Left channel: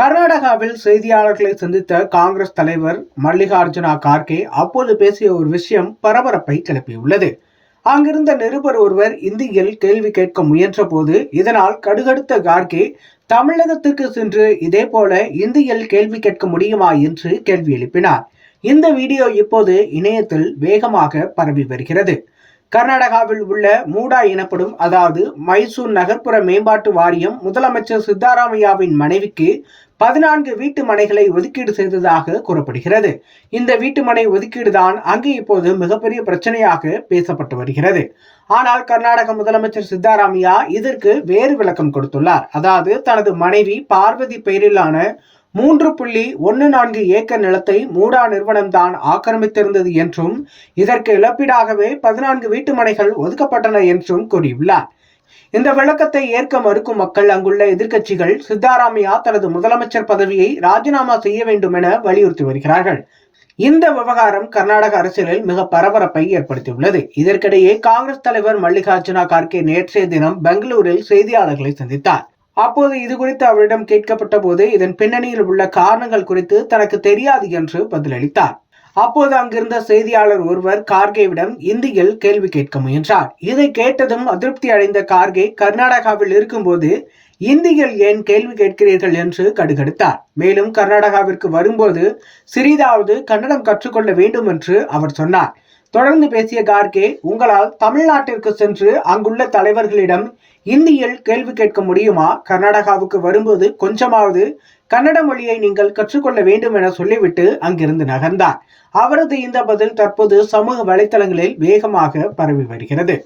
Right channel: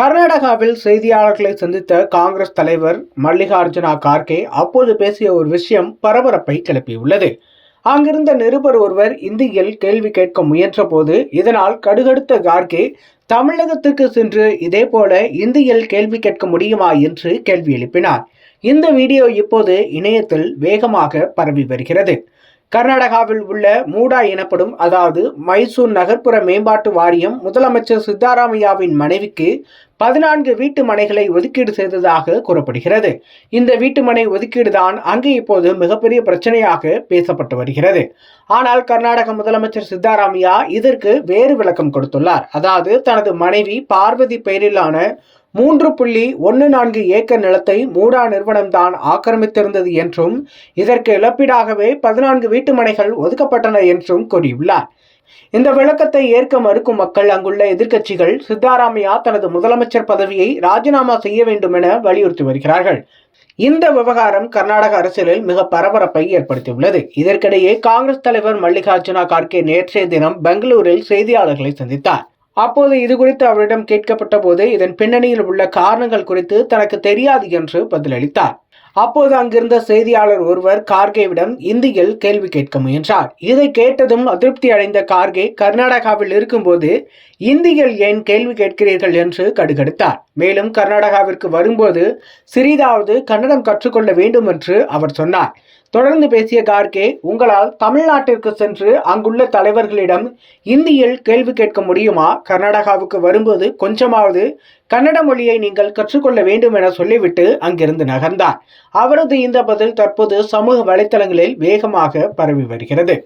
கர்நாடகாவில் செய்தியாளர்களை சந்தித்த காங்கிரஸ் தலைவர் மல்லிகார்ஜுனா கார்கே அப்போது பேசிய ஒரு விஷயம் பரபரப்பை கிளப்பியுள்ளது. அங்கிருந்த நிருபர் ஒருவர் இந்தியில் கேள்வி கேட்க முயன்ற போது இதனால் கடுகடுத்த கார்கே தமிழகத்திற்கு சென்று இதே போல இந்தியில் கேள்வி கேட்க முடியுமா என்று கேள்வி எழுப்பினார். இந்த வீடியோ இப்போது இணையத்தில் வேகமாக பரவி வருகிறது. கர்நாடகாவில் உள்ள மூடா எனப்படும் அதாவது மைசூர் நகர்ப்புற மேம்பாட்டு வாரியம் முதலமைச்சர் சித்தராமையாவின் மனைவிக்கு 14 வீட்டு மனைகளை ஒதுக்கீடு செய்ததாக கூறப்படுகிறது. இந்த வீட்டு மனை ஒதுக்கீடு தான் அங்கு இப்போது மிகப்பெரிய பிரச்சனையாக பேசப்பட்டு வருகிறது. ஆனால் கர்நாடக முதலமைச்சர் சித்தராமையா இதற்கு வேறு விளக்கம் கொடுத்துள்ளார். அதாவது தனது மனைவி பார்வதி பெயரிலான 3.14 ஏக்கர் நிலத்தை மூடா நிறுவனம்தான் ஆக்கிரமித்திருந்தது என்றும் இதற்கு இழப்பீடாகவே 14 வீட்டு மனைகள் ஒதுக்கப்பட்டன என்றும் கூறியுள்ளார். இந்த விளக்கத்தை ஏற்க மறுக்கும் மக்கள் அங்குள்ள எதிர்க்கட்சிகள் சித்தராமையா தனது முதலமைச்சர் பதவியை ராஜினாமா செய்ய வேண்டும் என வலியுறுத்தி வருகிறார்கள். இந்த விவகாரம் கர்நாடக அரசியலில் மிக பரபரப்பை ஏற்படுத்தியுள்ளது. இதற்கிடையே காங்கிரஸ் தலைவர் மல்லிகார்ஜுனா கார்கே நேற்றைய தினம் பெங்களூரில் செய்தியாளர்களை சந்தித்தார். அப்போது இது குறித்து அவரிடம் கேட்கப்பட்ட போது இதன் பின்னணியில் உள்ள காரணங்கள் குறித்து தனக்கு தெரியாது என்று பதிலளித்தார். அப்போது அங்கிருந்த செய்தியாளர் ஒருவர் கார்கேவிடம் இந்தியில் கேள்வி கேட்க முயன்றார். இதை கேட்டதும் அதிருப்தி அடைந்த கார்கே கர்நாடகாவில் இருக்கும்போது இந்தியில் ஏன் கேள்வி கேட்கிறீர்கள் என்று கடுகடுத்தார். மேலும் கர்நாடகாவிற்கு வரும்போது சிறிதாவது கன்னடம் கற்றுக்கொள்ள வேண்டும் என்று அவர் சொன்னார். தொடர்ந்து பேசிய கார்கே, உங்களால் தமிழ்நாட்டிற்கு சென்று அங்குள்ள தலைவர்களிடம் இந்தியில் கேள்வி கேட்க முடியுமா? கர்நாடகாவுக்கு வரும்போது கொஞ்சமாவது கன்னட மொழியை நீங்கள் கற்றுக்கொள்ள வேண்டும் என சொல்லிவிட்டு அங்கிருந்து நகர்ந்தார். அவரது இந்த பதில் தற்போது சமூக வலைத்தளங்களில் வேகமாக பரவி வருகிறது.